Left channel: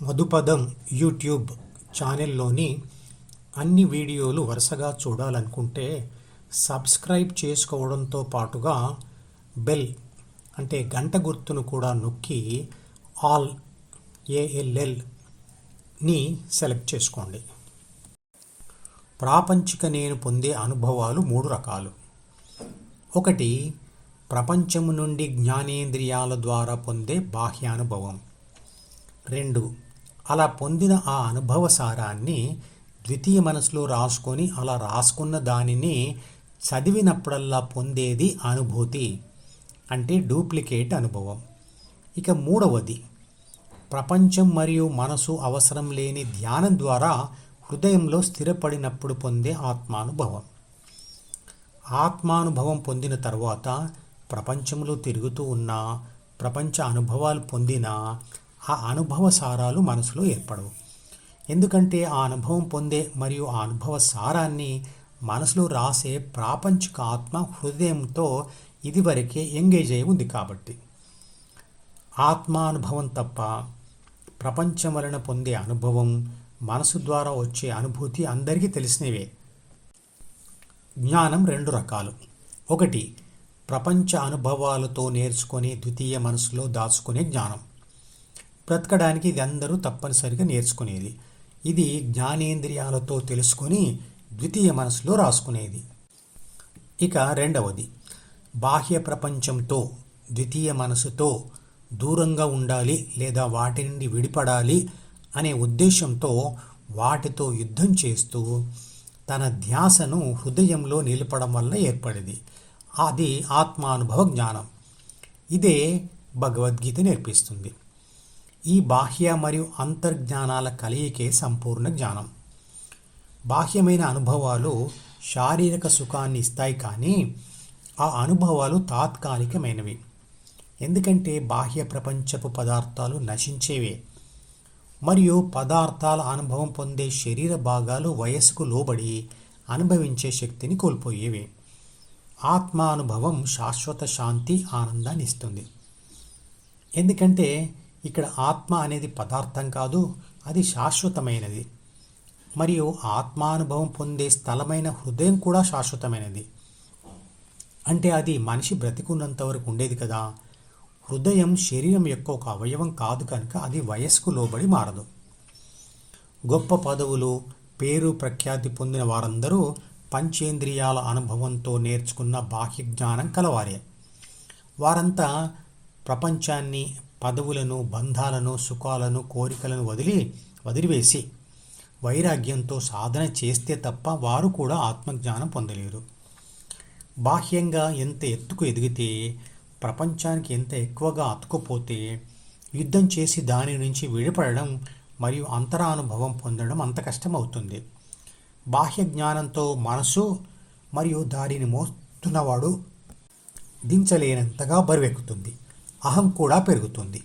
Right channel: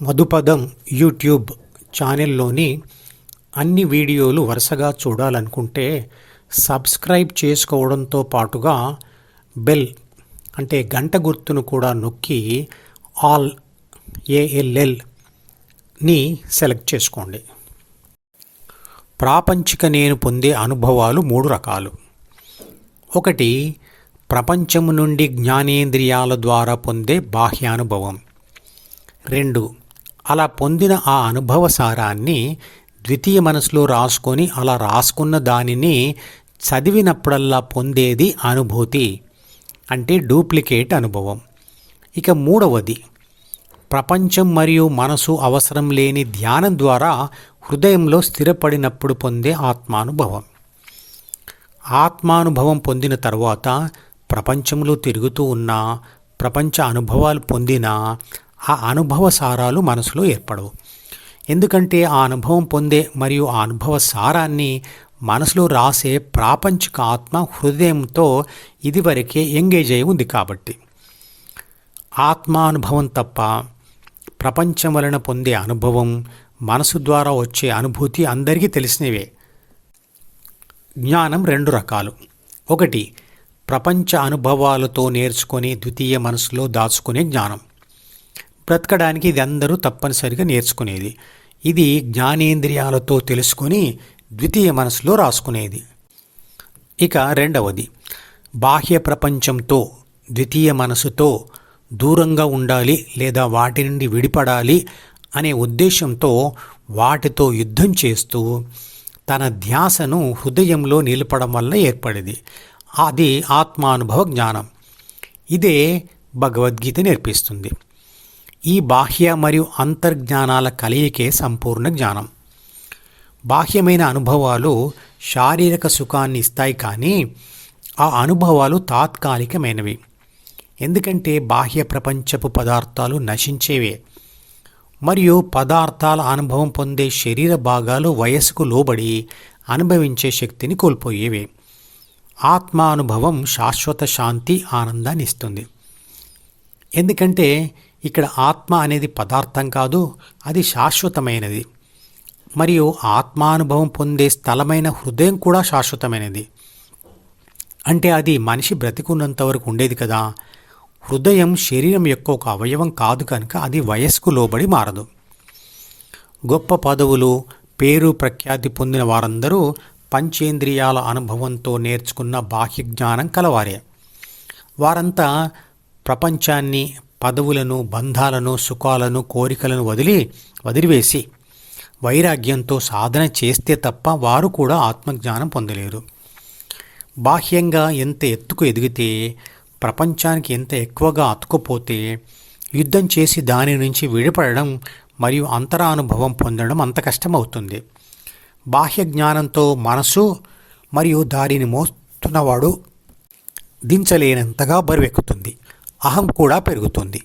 మధుపదం YouTube ఛానల్లోని అన్ని వీడియోలు వరుసగా చూడాలనుకుంటే సబ్స్క్రైబ్ చేసుకోవడంతో పాటుగా బెల్ అంటే గంట గుర్తును కూడా నొక్కి ఆల్ ALLని సెలెక్ట్ చేసుకోండి. ప్రాపంచిక నేను పొందే అనుభవాలు 3 రకాలు. 1. ప్రపంచము నుండి జ్ఞానేంద్రియాల ద్వారా పొందే బాహ్యానుభవం. 2. అలా పొందిన ఆ అనుభవ సారాన్ని ద్వితీయ మనసులో రాసుకొని అలా రాసుకున్న దానిని చదివినప్పుడల్లా పొందేది అనుభూతి అంటే డూప్లికేట్ అనుభవం. ఇక 3వది ప్రపంచం మరియు మనసు అవసరం లేని ధ్యానం ద్వారా హృదయంలో స్థిరపడినప్పుడు పొందే ఆత్మానుభవం. ఆత్మానుభవం పొందిన తర్వాత ప్రపంచంలో తిరుగుతూ ఉన్న ప్రపంచ అనుభవాలు పొందినా ఆ అనుభవ సారాలు మనసులో ఏర్పడవు. ఎందుకంటే ఆ అనుభవం పొందే మరియు ఆ అనుభవ సారాన్ని మనసులో రాసే ప్రాపంచిక ఆత్మ హృదయంతో ఇదివరకే ఎంగేజ్ అయి ఉంది కాబట్టి. ఆత్మానుభవం తప్ప ప్రపంచం వలన పొందే అనుభవం, మనసు ద్వారా వచ్చే అనుభూతి అందరికీ తెలిసినవే. జ్ఞానం 2 రకాలు. 1. ప్రపంచ అనుభవాలతో నేర్చుకొని ద్వితీయ మనసులో దాచుకునే జ్ఞానం. బ్రతకడానికి ఇది అందరూ తప్పనిసరిగా నేర్చుకునేది. ఇది జ్ఞానేంద్రియాలతో తెలుసుకొని ద్వితీయ మనసులో రాసుకునేది. ఇక 2వది బాహ్య ప్రపంచంతో ద్వితీయ మనసుతో దూరంగా ఉండాలి లేదా వాటి నుండి విడిపడాలి అనే ఉద్దేశంతో వాటితో యుద్ధం చేస్తూ తన ధ్యాసను హృదయంలో నిలపడం వల్ల ఏర్పడేది. అది ఆత్మానుభవ జ్ఞానం. ఇదే భగవద్గీత నేర్పిస్తుంది. ఈ బాహ్య మరియు అంతర్జ్ఞానాల కలయికే సంపూర్ణ జ్ఞానం. బాహ్యమైన అనుభవాలు శారీరక సుఖాన్ని ఇస్తాయి, కానీ ఆ అనుభవాలు తాత్కాలికమైనవి. ఎందుకంటే బాహ్య ప్రపంచపు పదార్థాలు నశించేవే మరియు పదార్థాల అనుభవం పొందే శరీర భాగాలు వయసుకు లోబడి అనుభవించే శక్తిని కోల్పోయేవే. ఆత్మానుభవం శాశ్వత శాంతి, ఆనందాన్ని ఇస్తుంది. ఎందుకంటే ఇక్కడ ఆత్మ అనేది పదార్థం కాదు, అది శాశ్వతమైనది. మరియు ఆత్మానుభవం పొందే స్థలమైన హృదయం కూడా శాశ్వతమైనది. అంటే అది మనిషి బ్రతికున్నంత వరకు ఉండేది కదా. హృదయం శరీరం యొక్క ఒక అవయవం కాదు కనుక అది వయస్సుకు లోబడి మారదు. గొప్ప పదవులు, పేరు, ప్రఖ్యాతి పొందిన వారందరూ పంచేంద్రియాల అనుభవంతో నేర్చుకున్న బాహ్య జ్ఞానం కలవారే. వారంతా ప్రపంచాన్ని, పదవులను, బంధాలను, సుఖాలను, కోరికలను వదిలివేసి వైరాగ్యంతో సాధన చేస్తే తప్ప వారు కూడా ఆత్మజ్ఞానం పొందలేరు. బాహ్యంగా ఎంత ఎత్తుకు ఎదిగితే, ప్రపంచానికి ఎంత ఎక్కువగా అతుకుపోతే యుద్ధం చేసి దాని నుంచి విడిపడడం మరియు అంతరానుభవం పొందడం అంత కష్టమవుతుంది. బాహ్య జ్ఞానంతో మనసు మరియు దారిని మోస్తున్నవాడు దించలేనంతగా బరువెక్కుతుంది. అహం కూడా పెరుగుతుంది.